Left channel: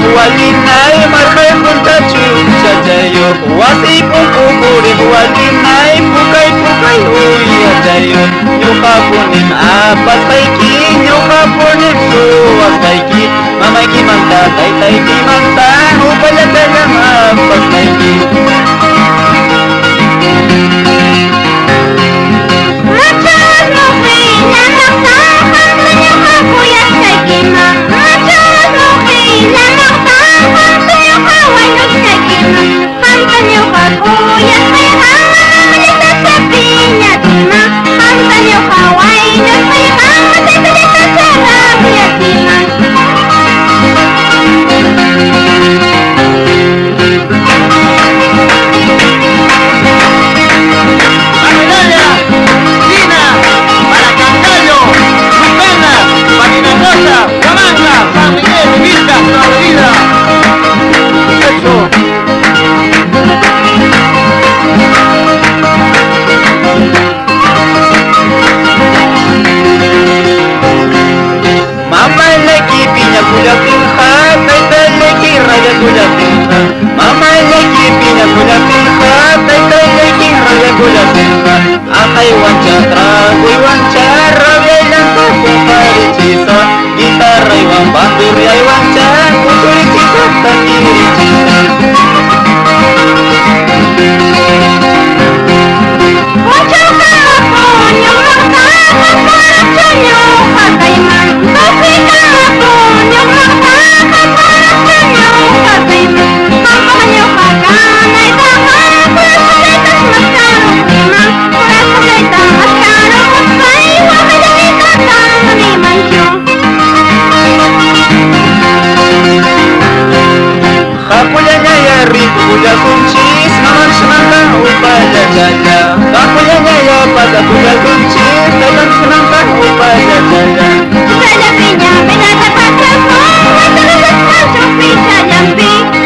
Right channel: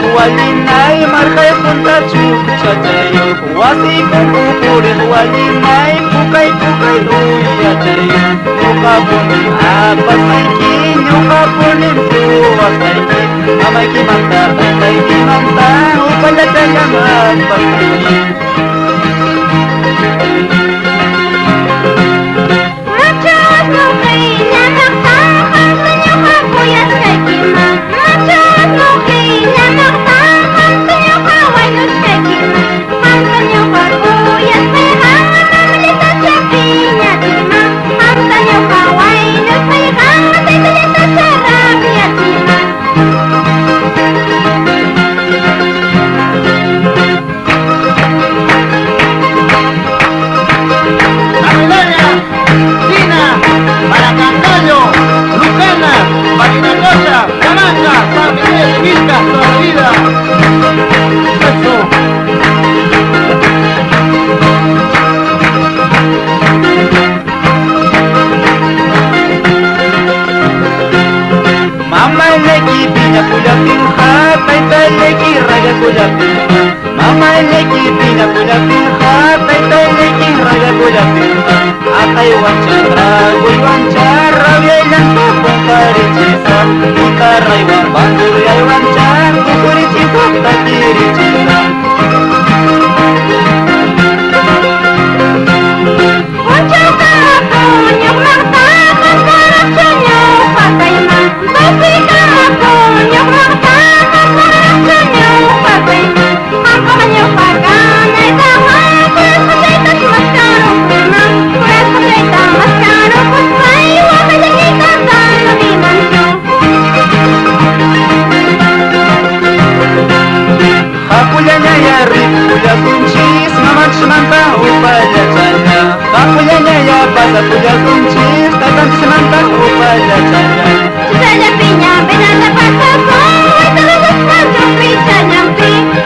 Huallinay, markay punta chuchachayo. Wasipon ukuri Huallinay, pukay uyachayo. Ñuqapunim apasqayki, ñuqapunim suwasqayki. Mamayki manta, taytayki manta, ukalatalam apasqayki. Kulatin ha, kay daleki raya kulatin ha. Mama leki pina kulatin ha, kay daleki raya kulatin ha. Akay wanchara, welang tuko paricisa. Guitarra iwan bandurla iwan chan, kukuriciko takiricisa. Huallinay rikuga kunchis, nananchimanta upaya changa. Huallinay pasakuga kunchis, nananchimanta upaya changa. Tukaña piña, peñata pachaca, watarala chancha, picha lampi.